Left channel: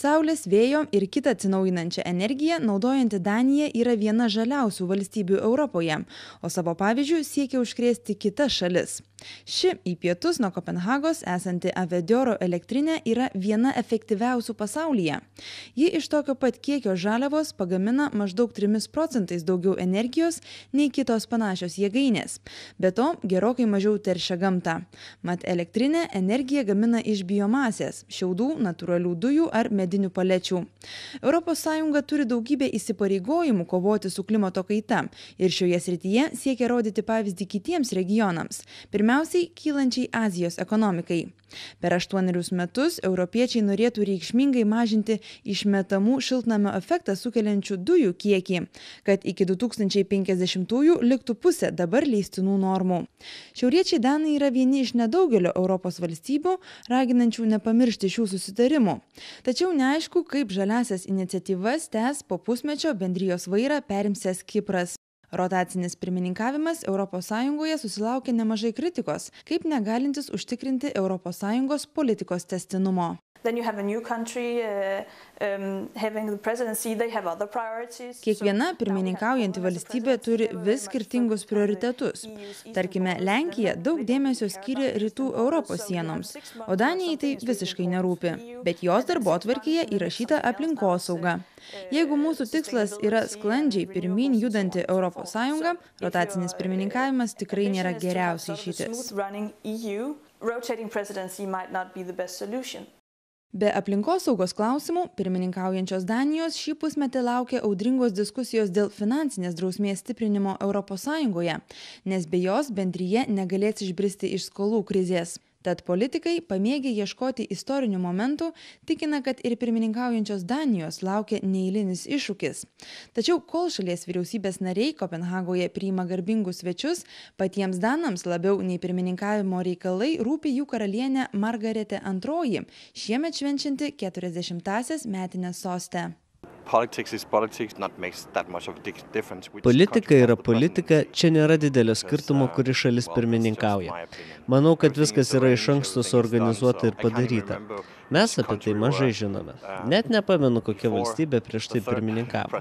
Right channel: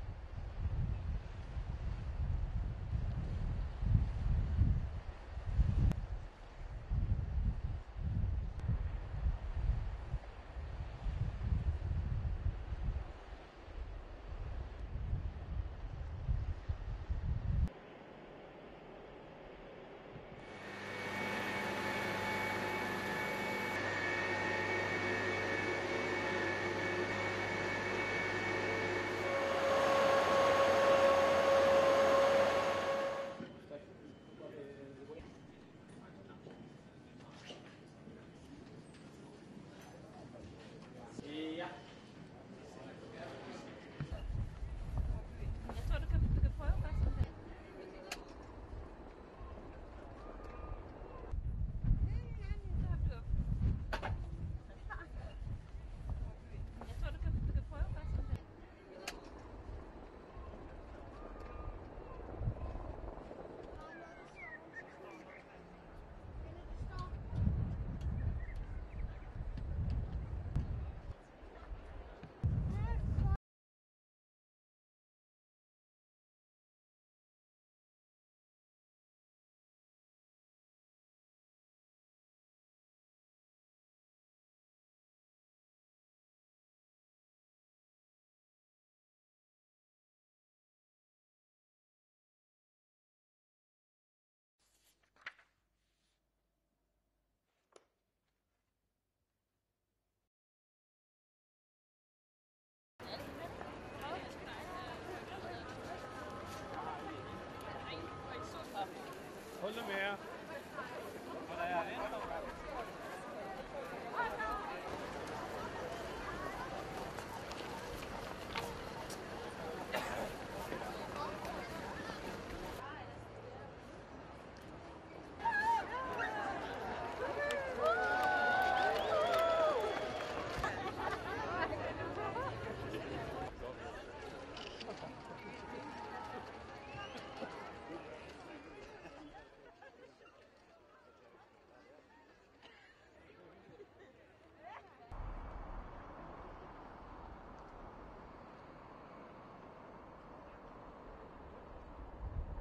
Saulės, vėjo ir kitą atsinaujinančią energiją naudojanti Danija yra viena žaliausių valstybių Europoje, o savo pavyzdžių siekia užkrėsti kitas šalis. Ši į pietus nuo Kopenhagos esanti Avedioro elektrinė yra viena efektyviausių pasaulyje. Ji iš tokio pat kiekio žaliavos pagamina maždaug 3% daugiau energijos nei kitos panašios jėgainės. Be to, gerokai mažiau teršia gamtą. Mat elektrinė energiją gamina iš biomasės, šiaudų, natūralių dujų ar medinių palečių. ES turi daugybę įsipareigojimų kovoti su klimato kaita ir šioje srityje siekia rodyti pavyzdį kitiems regionams, pirmiausiai kylančiai Azijos ekonomikai. Per 8 metus europiečiai norėtų reikšmingai mažinti išmetamų šiltnamio efektą sukeliančių dujų kiekį, kad iki 2050-ųjų liktų pusė dabar leistinų normų. Šiauriečiai danai yra vieni iš nedaugelio Europos valstybių, raginančių nepamiršti šių susitarimų. Tačiau neaišku, kaip žaliasias iniciatyvas tęs po pusmečio bendrijos vairą perimsiąs Kipras. Rotacinis pirmininkavimas ES susilaukė nemažai kritikos, kaip negalintis užtikrinti ES politikos tęstinumo. Kiekviena pirmininkaujanti valstybė turi vis skirtingus prioritetus. Tarkime, Lenkija daug dėmesio skyrė rytų Europos sienoms, o Danijai tai visiškai nerūpi, bet jos darbotvarkėje įrašyta aplinkosauga. Jeigu mūsų tikslas yra sklandžiai pirmyn judanti ES, rotacinis pirmininkavimas tikrai nėra geriausia išeitis. Be aplinkosaugos klausimų, pirmininkaujančios Danijos šį pusmetį laukia audringos diskusijos dėl finansinės drausmės stiprinimo ES, nes be jos bendrija negalės išbristi iš skolų krizės. Tad politikai, pamėgę ieškoti istorinių momentų, tikina, kad ir pirmininkaujančios Danijos laukia neeilinis iššūkis. Tačiau kol šalies vyriausybės nariai Kopenhagoje priima garbingus svečius, patiems danams labiau nei pirmininkavimo reikalai rūpi jų karalienė Margaretė II, šiemet švenčianti 40-asias metines soste. Politika yra politika, čia nėra didelio skirtumo, kuri šalis pirmininkauja. Manau, kad viskas yra iš anksto suorganizuota ir padaryta. Mes apie tai mažai žinome. Net nepamenu, kokia valstybė prieš tai pirmininkavo.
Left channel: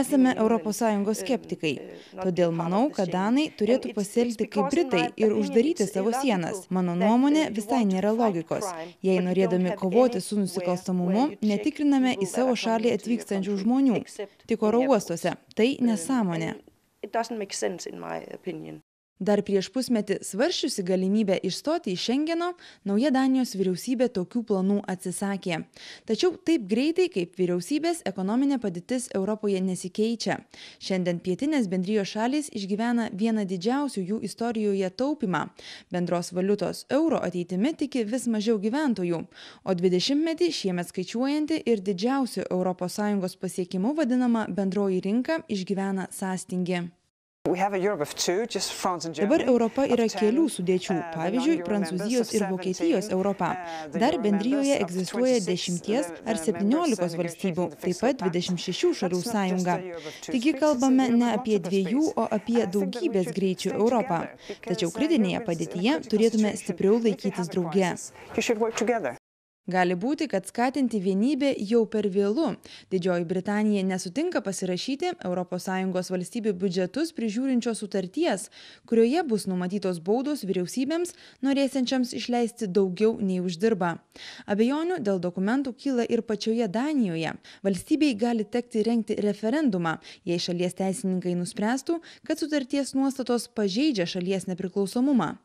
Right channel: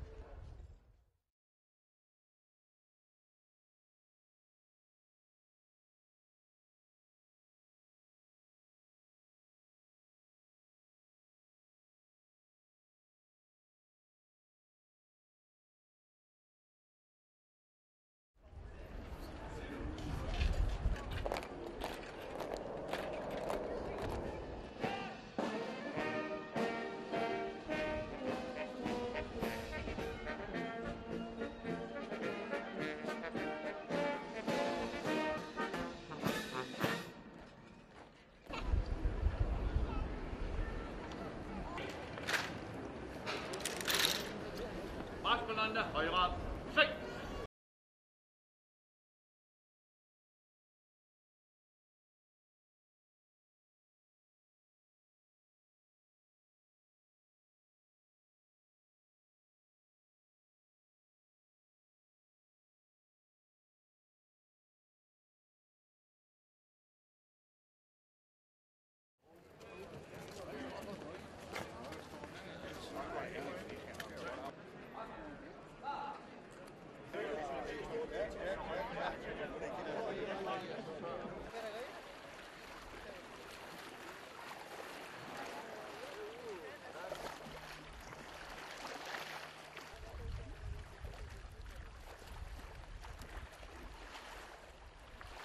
Esame ES skeptikai. Todėl manau, kad danai turėtų pasielgti kaip britai ir uždaryti savo sienas. Mano nuomonė, visai nėra logikos. Jei norėdami kovoti su nusikalstamumu, netikriname į savo šalį atvykstančių žmonių. Tik oro uostuose. Tai nesąmonė. Dar prieš pusmetį svarsčiusi galimybę išstoti iš Šengeno, nauja Danijos vyriausybė tokių planų atsisakė. Tačiau taip greitai, kaip vyriausybės, ekonominė padėtis Europoje nesikeičia. Šiandien pietinės bendrijos šalys išgyvena vieną didžiausių jų istorijoje taupymą. Bendros valiutos euro ateitimi tiki vis mažiau gyventojų, o 20-metį šiemet skaičiuojanti ir didžiausių ES pasiekimų vadinama bendroji rinka išgyvena sąstingį. Dabar Europa yra kelių sudėčių, pavyzdžiui, Prancūzijos ir Vokietijos Europa. Dar bendrijoje egzistuoja 10 ar 17 valstybių, taip pat 26 šalių sąjunga. Taigi kalbame ne apie 2, o apie daugybės greičių Europą. Tačiau kritinėje padėtyje turėtume stipriau laikytis drauge. Gali būti, kad skatinti vienybę jau per vėlu. Didžioji Britanija nesutinka pasirašyti ES valstybių biudžetus prižiūrinčios sutarties, kurioje bus numatytos baudos vyriausybėms, norėsiančiams išleisti daugiau nei uždirba. Abejonių dėl dokumentų kyla ir pačioje Danijoje. Valstybei gali tekti rengti referendumą, jei šalies teisininkai nuspręstų, kad sutarties nuostatos pažeidžia šalies nepriklausomumą.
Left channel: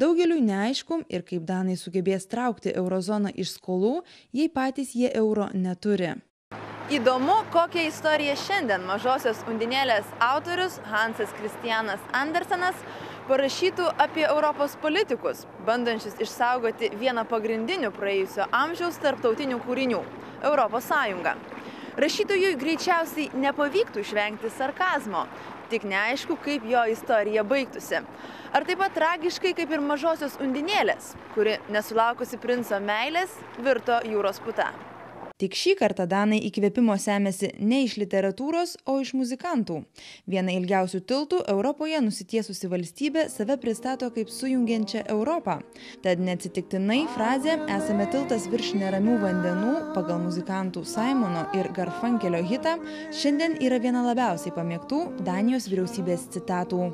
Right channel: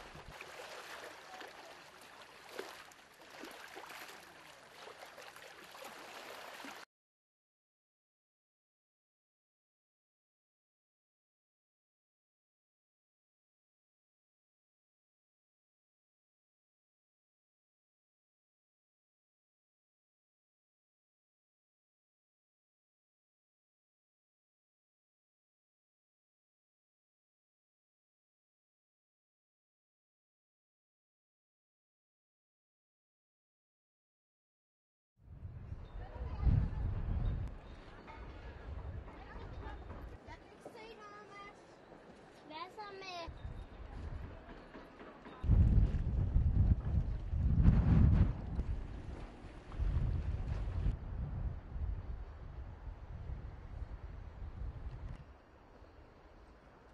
Daugeliui neaišku ir kaip danai sugebės traukti eurozoną iš skolų, jei patys jie euro neturi. Įdomu, kokią istoriją šiandien mažosios undinėlės autorius Hansas Kristianas Andersenas parašytų apie Europos politikus, bandančius išsaugoti vieną pagrindinių praėjusio amžiaus tarptautinių kūrinių – Europos Sąjungą. Rašytojui greičiausiai nepavyktų išvengti sarkazmo, tik neaišku, kaip jo istorija baigtųsi. Ar taip pat tragiškai kaip ir mažosios undinėlės, kuri nesulaukusi princo meilės virto jūros puta. Tik šį kartą danai įkvėpimo semėsi ne iš literatūros, o iš muzikantų. Viena ilgiausių tiltų Europoje nusitiesusi valstybė save pristato kaip sujungiančią Europą. Tad neatsitiktinai frazė "esame tiltas virš neramių vandenų" pagal muzikantų Simono ir Garfunkelio hitą šiandien yra viena labiausiai pamėgtų Danijos vyriausybės citatų.